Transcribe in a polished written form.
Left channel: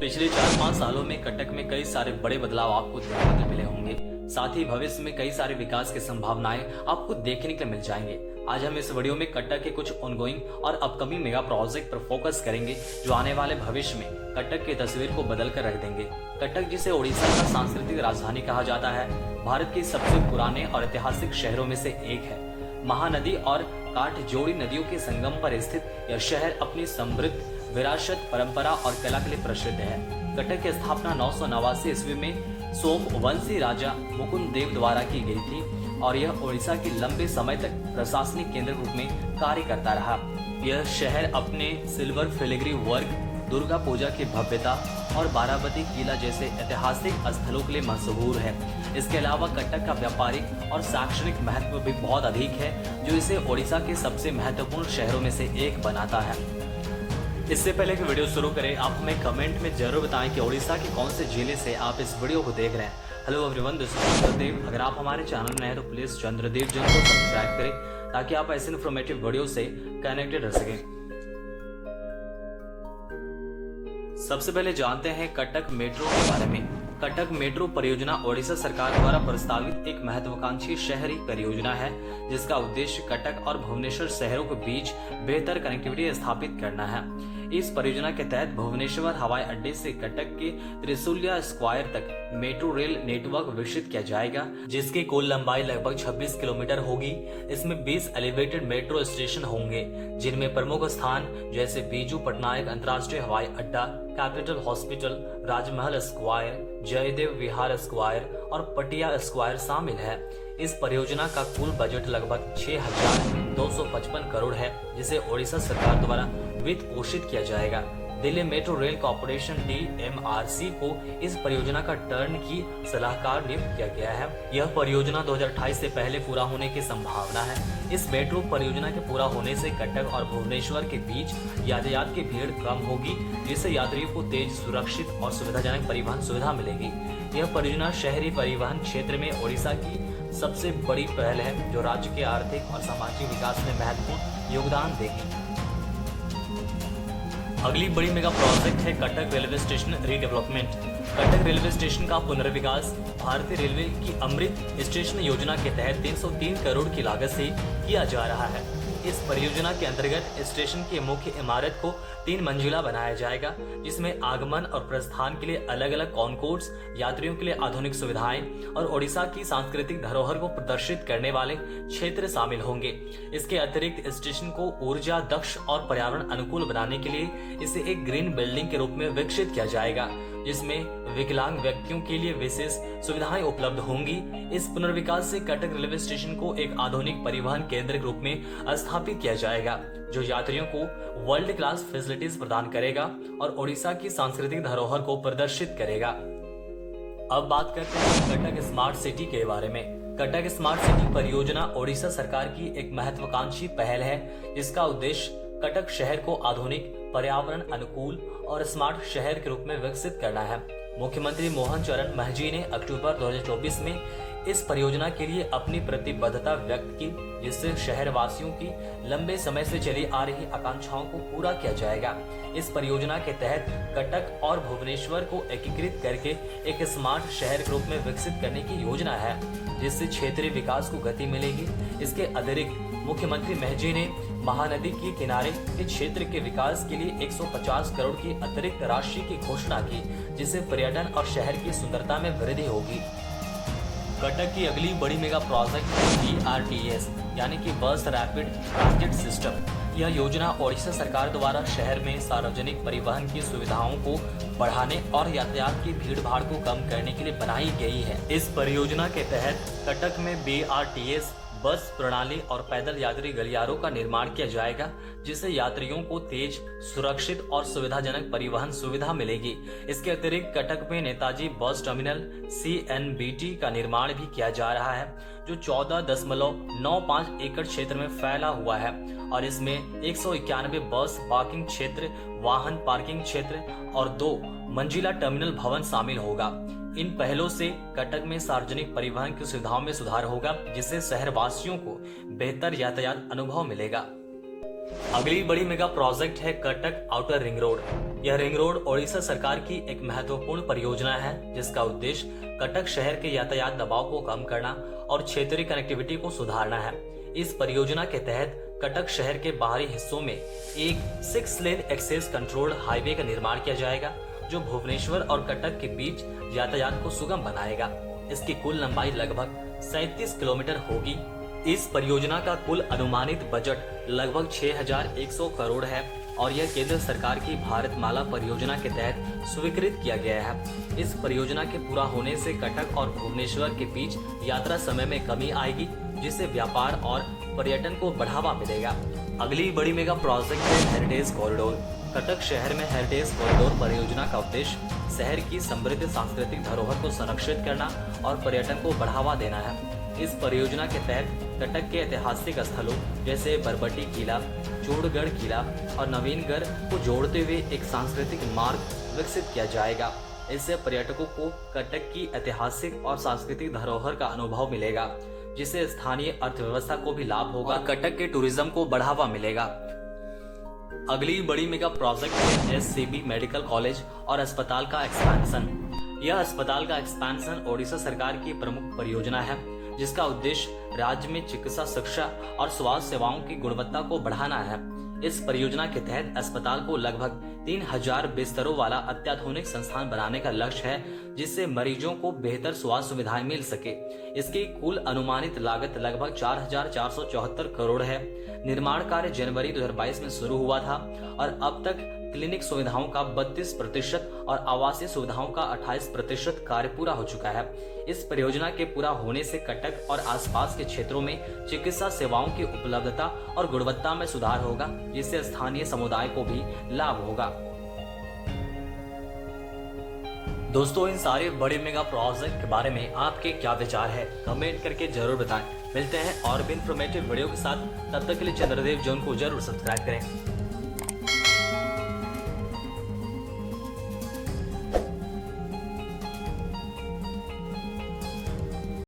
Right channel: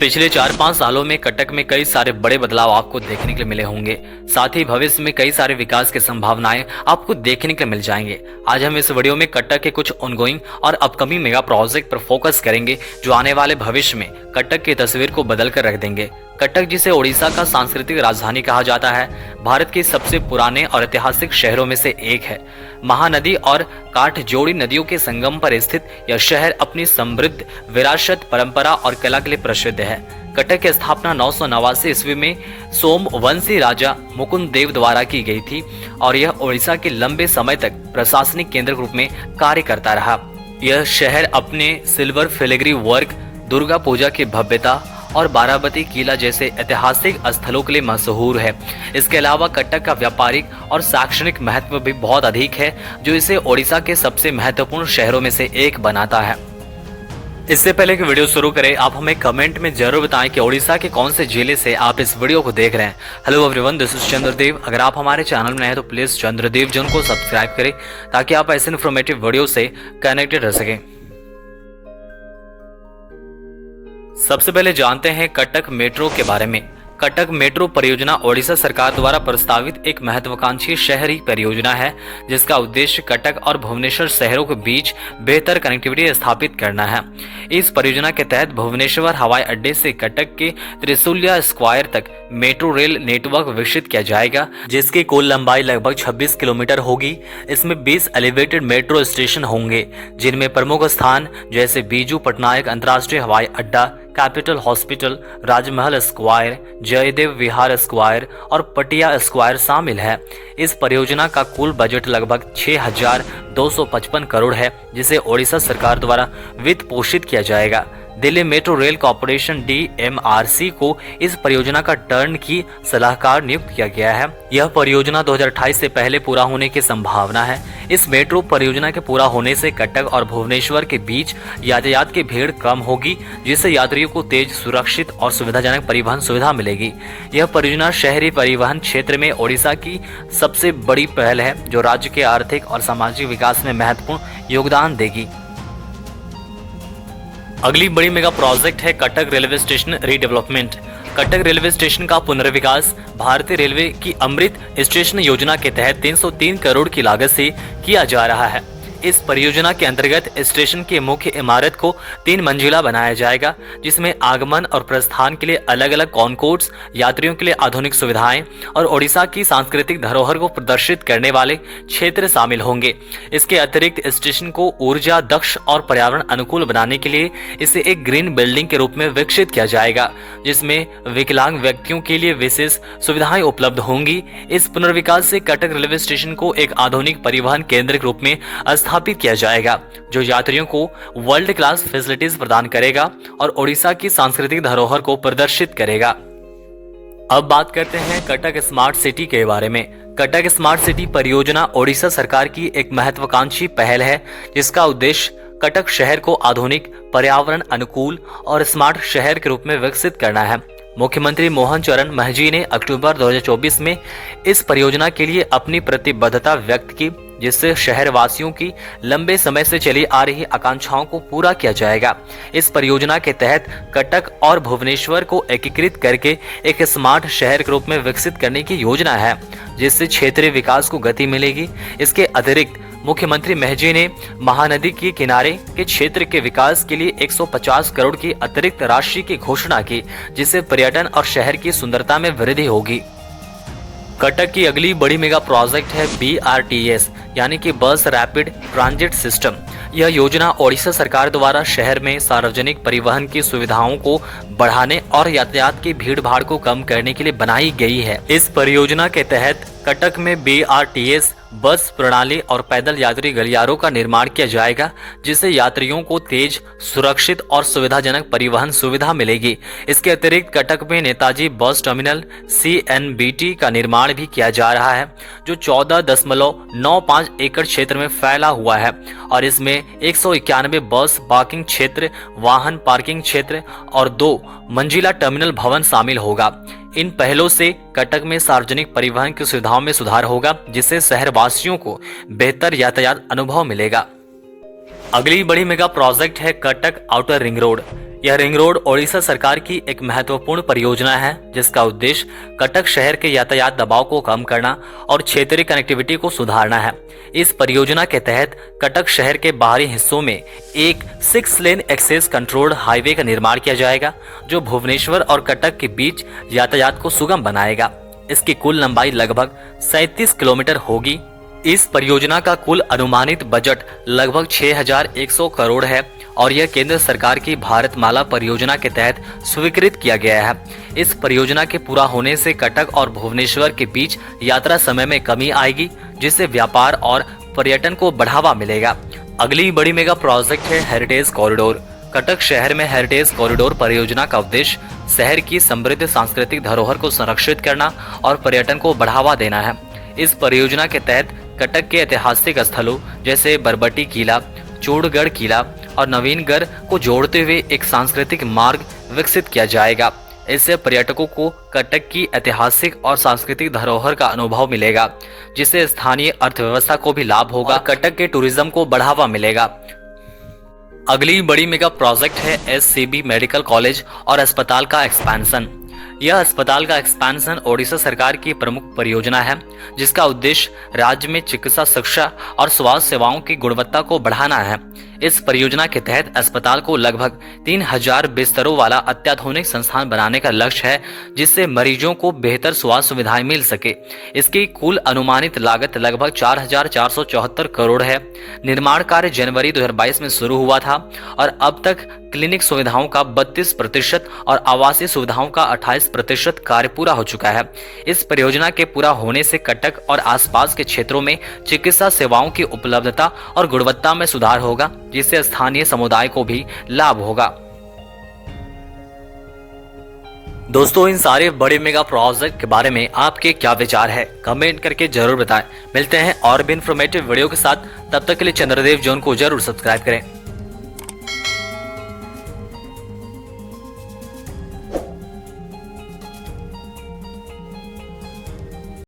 पिछले 4-5 सालों में कटक में कई सारे बड़े बदलाव आपको देखने के लिए मिले होंगे। साथ ही भविष्य में कई सारे विकास की संभावनाएं आपको देखने के लिए मिल जाएंगे। आज हम इस वीडियो में कटक के कुछ ऑनगोइंग और अपकमिंग मेगा प्रोजेक्ट पर फोकस करेंगे जो आने वाले भविष्य में कटक की तस्वीर को बदल कर रख देंगे। कटक, जिसे ओडिशा का सांस्कृतिक राजधानी कहा जाता है, भारत के सबसे पुराने और ऐतिहासिक शहरों में से एक है। महानदी और काठजोड़ी नदियों के संगम पर स्थित यह शहर अपनी समृद्ध विरासत, परंपरा और कला के लिए प्रसिद्ध है। कटक की स्थापना 989 ईस्वी में सोमवंशी राजा मुकुंद देव द्वारा की गई थी और यह ओडिशा के लंबे समय तक प्रशासनिक केंद्र के रूप में कार्य करता रहा। यह शहर अपने silver filigree work, Durga Puja की भव्यता और बाराबती किला जैसे ऐतिहासिक स्थलों के लिए मशहूर है। इसके अलावा कटक का व्यापारिक और शैक्षणिक महत्व भी बहुत अधिक है, जो इसे ओडिशा के सबसे महत्वपूर्ण शहरों में से एक बनाता है। इससे पहले कि वीडियो शुरू करें, आप हमें कमेंट में जरूर बताएं कि ओडिशा के कौन से जिले से आप इस वीडियो को देख रहे हैं। Hello everyone, this is Chandradev. अगर आप हमारे चैनल में नए हैं तो प्लीज चंद्रदेव जन को सब्सक्राइब करें ताकि आप ऐसे इन्फॉर्मेटिव वीडियो से कनेक्टेड रह सकें। सबसे पहले जानते हैं कटक मेट्रो के बारे में। कटक मेट्रो परियोजना ओडिशा सरकार द्वारा प्रस्तावित एक महत्वाकांक्षी शहरी परियोजना है, जिसका उद्देश्य कटक और भुवनेश्वर शहरों के बीच बेहतर कनेक्टिविटी स्थापित करना है। इस परियोजना के तहत भुवनेश्वर हवाई अड्डे से कटक के त्रिशूलिया स्क्वायर तक मेट्रो रेल नेटवर्क विकसित किया जाएगा, जिसकी कुल लंबाई लगभग 26 किलोमीटर होगी। इसमें 20 एलिवेटेड मेट्रो स्टेशन होंगे, जिनमें प्रमुख स्थान जैसे बीजू पटनायक अंतर्राष्ट्रीय हवाई अड्डा, कैपिटल हॉस्पिटल, राजमहल स्क्वायर, जयदेव विहार स्क्वायर और पटिया स्क्वायर शामिल है। इस परियोजना का कुल बजट लगभग 6,255 करोड़ है, जिसे ओडिशा सरकार द्वारा वित्त पोषित किया जाएगा। Delhi metro rail corporation DMRC को इस परियोजना का टर्न की सलाहकार नियुक्त किया गया है। यह परियोजना 2028 से पहले पूरा होने की संभावना है। इस मेट्रो परियोजना के पूरा होने से कटक और भुवनेश्वर के बीच यातायात की भीड़ कम होगी, जिससे यात्रियों को तेज, सुरक्षित और सुविधाजनक परिवहन सुविधा मिलेगी। यह परियोजना शहरी परिवहन क्षेत्र में ओडिशा की सबसे बड़ी पहल है, जो राज्य के आर्थिक और सामाजिक विकास में महत्वपूर्ण योगदान देगी। अगली बड़ी मेगा प्रोजेक्ट है Cuttack railway station redevelopment. Cuttack railway station का पुनर्विकास भारतीय रेलवे की अमृत स्टेशन योजना के तहत 303 करोड़ की लागत से किया जा रहा है। इस परियोजना के अंतर्गत स्टेशन की मुख्य इमारत को 3 मंजिला बनाया जाएगा, जिसमें आगमन और प्रस्थान के लिए अलग अलग कॉनकोर्स, यात्रियों के लिए आधुनिक सुविधाएं और ओडिशा की सांस्कृतिक धरोहर को प्रदर्शित करने वाले क्षेत्र शामिल होंगे। इसके अतिरिक्त स्टेशन को ऊर्जा दक्ष और पर्यावरण अनुकूल बनाने के लिए इसे एक ग्रीन बिल्डिंग के रूप में विकसित किया जाएगा, जिसमें विकलांग व्यक्तियों के लिए विशेष सुविधाएं उपलब्ध होंगी। इस पुनर्विकास से कटक रेलवे स्टेशन को एक आधुनिक परिवहन केंद्र के रूप में स्थापित किया जाएगा, जो यात्रियों को वर्ल्ड क्लास फैसिलिटीज प्रदान करेगा और ओडिशा की सांस्कृतिक धरोहर को प्रदर्शित करेगा। अब बात करते हैं कटक स्मार्ट सिटी के बारे में। कटक स्मार्ट सिटी परियोजना ओडिशा सरकार की एक महत्वाकांक्षी पहल है, जिसका उद्देश्य कटक शहर को आधुनिक, पर्यावरण अनुकूल और स्मार्ट शहर के रूप में विकसित करना है। मुख्यमंत्री मोहन चरण महजी ने अक्टूबर 2024 में इस परियोजना के लिए अपनी प्रतिबद्धता व्यक्त की, जिससे शहर वासियों की लंबे समय से चली आ रही आकांक्षाओं को पूरा किया जाएगा। इस परियोजना के तहत कटक और भुवनेश्वर को एकीकृत करके एक स्मार्ट शहर के रूप में विकसित करने की योजना है, जिससे क्षेत्रीय विकास को गति मिलेगी। इसके अतिरिक्त मुख्यमंत्री महजी ने महानदी के किनारे के क्षेत्र के विकास के लिए 150 करोड़ की अतिरिक्त राशि की घोषणा की, जिससे पर्यटन और शहर की सुंदरता में वृद्धि होगी। कटक की अगली बड़ी मेगा प्रोजेक्ट है BRTS, यानी कि बस रैपिड ट्रांजिट सिस्टम। यह योजना ओडिशा सरकार द्वारा शहर में सार्वजनिक परिवहन की सुविधाओं को बढ़ाने और यातायात की भीड़ भाड़ को कम करने के लिए बनाई गई है। इस परियोजना के तहत कटक में BRTS बस प्रणाली और पैदल यात्री गलियारों का निर्माण किया जाएगा, जिससे यात्रियों को तेज, सुरक्षित और सुविधाजनक परिवहन सुविधा मिलेगी। इसके अतिरिक्त कटक में नेताजी बस टर्मिनल CNBT का निर्माण भी किया जा रहा है, जो 14.95 एकड़ क्षेत्र में फैला हुआ है और इसमें 191 बस पार्किंग क्षेत्र, वाहन पार्किंग क्षेत्र और 2 मंजिला टर्मिनल भवन शामिल होगा। इन पहलों से कटक में सार्वजनिक परिवहन की सुविधाओं में सुधार होगा, जिससे शहर वासियों को बेहतर यातायात अनुभव मिलेगा। अगली बड़ी मेगा प्रोजेक्ट है कटक आउटर रिंग रोड। यह रिंग रोड ओडिशा सरकार की एक महत्वपूर्ण परियोजना है जिसका उद्देश्य कटक शहर के यातायात दबाव को कम करना और क्षेत्रीय कनेक्टिविटी को सुधारना है। इस परियोजना के तहत कटक शहर के बाहरी हिस्सों में एक 6 लेन एक्सेस कंट्रोल्ड हाईवे का निर्माण किया जाएगा जो भुवनेश्वर और कटक के बीच यातायात को सुगम बनाएगा। इसकी कुल लंबाई लगभग 37 किलोमीटर होगी। इस परियोजना का कुल अनुमानित बजट लगभग 6,100 करोड़ है और यह केंद्र सरकार की भारतमाला परियोजना के तहत स्वीकृत किया गया है। इस परियोजना के पूरा होने से कटक और भुवनेश्वर के बीच यात्रा समय में कमी आएगी जिससे व्यापार और पर्यटन को बढ़ावा मिलेगा। अगली बड़ी मेगा प्रोजेक्ट है हेरिटेज कॉरिडोर। कटक शहर में हेरिटेज कॉरिडोर परियोजना का उद्देश्य शहर की समृद्ध सांस्कृतिक धरोहर को संरक्षित करना और पर्यटन को बढ़ावा देना है। इस परियोजना के तहत कटक के ऐतिहासिक स्थलों जैसे बरबटी किला, चूड़गढ़ किला और नवीनगढ़ को जोड़ते हुए एक सांस्कृतिक मार्ग विकसित किया जाएगा। इससे पर्यटकों को कटक की ऐतिहासिक और सांस्कृतिक धरोहर का अनुभव मिलेगा जिससे स्थानीय अर्थव्यवस्था को भी लाभ होगा, कटक के टूरिज्म को बढ़ावा मिलेगा। अगली बड़ी मेगा प्रोजेक्ट है एससीबी मेडिकल कॉलेज और अस्पताल का एक्सपेंशन। यह अस्पताल का एक्सपेंशन ओडिशा सरकार की प्रमुख परियोजना है जिसका उद्देश्य राज्य में चिकित्सा शिक्षा और स्वास्थ्य सेवाओं की गुणवत्ता को बढ़ाना है। इस परियोजना के तहत अस्पताल को लगभग 3,000 बिस्तरों वाला अत्याधुनिक संस्थान बनाने का लक्ष्य है जिससे मरीजों को बेहतर स्वास्थ्य सुविधाएं मिल सके। इसकी कुल अनुमानित लागत लगभग 4,474 करोड़ है। निर्माण कार्य जनवरी 2022 में शुरू हुआ था और अब तक क्लिनिक सुविधाओं का 32% और आवासीय सुविधाओं का 28% कार्य पूरा हो चुका है। इस परियोजना के पूरा होने से कटक और आसपास के क्षेत्रों में चिकित्सा सेवाओं की उपलब्धता और गुणवत्ता में सुधार होगा जिससे स्थानीय समुदाय को भी लाभ होगा। दोस्तों, इन सारे बड़े मेगा प्रोजेक्ट के बारे में आपके क्या विचार है कमेंट करके जरूर बताएं। मिलते हैं और भी इंफॉर्मेटिव वीडियो के साथ, तब तक के लिए चंद्रदेव जोन को जरूर सब्सक्राइब करें।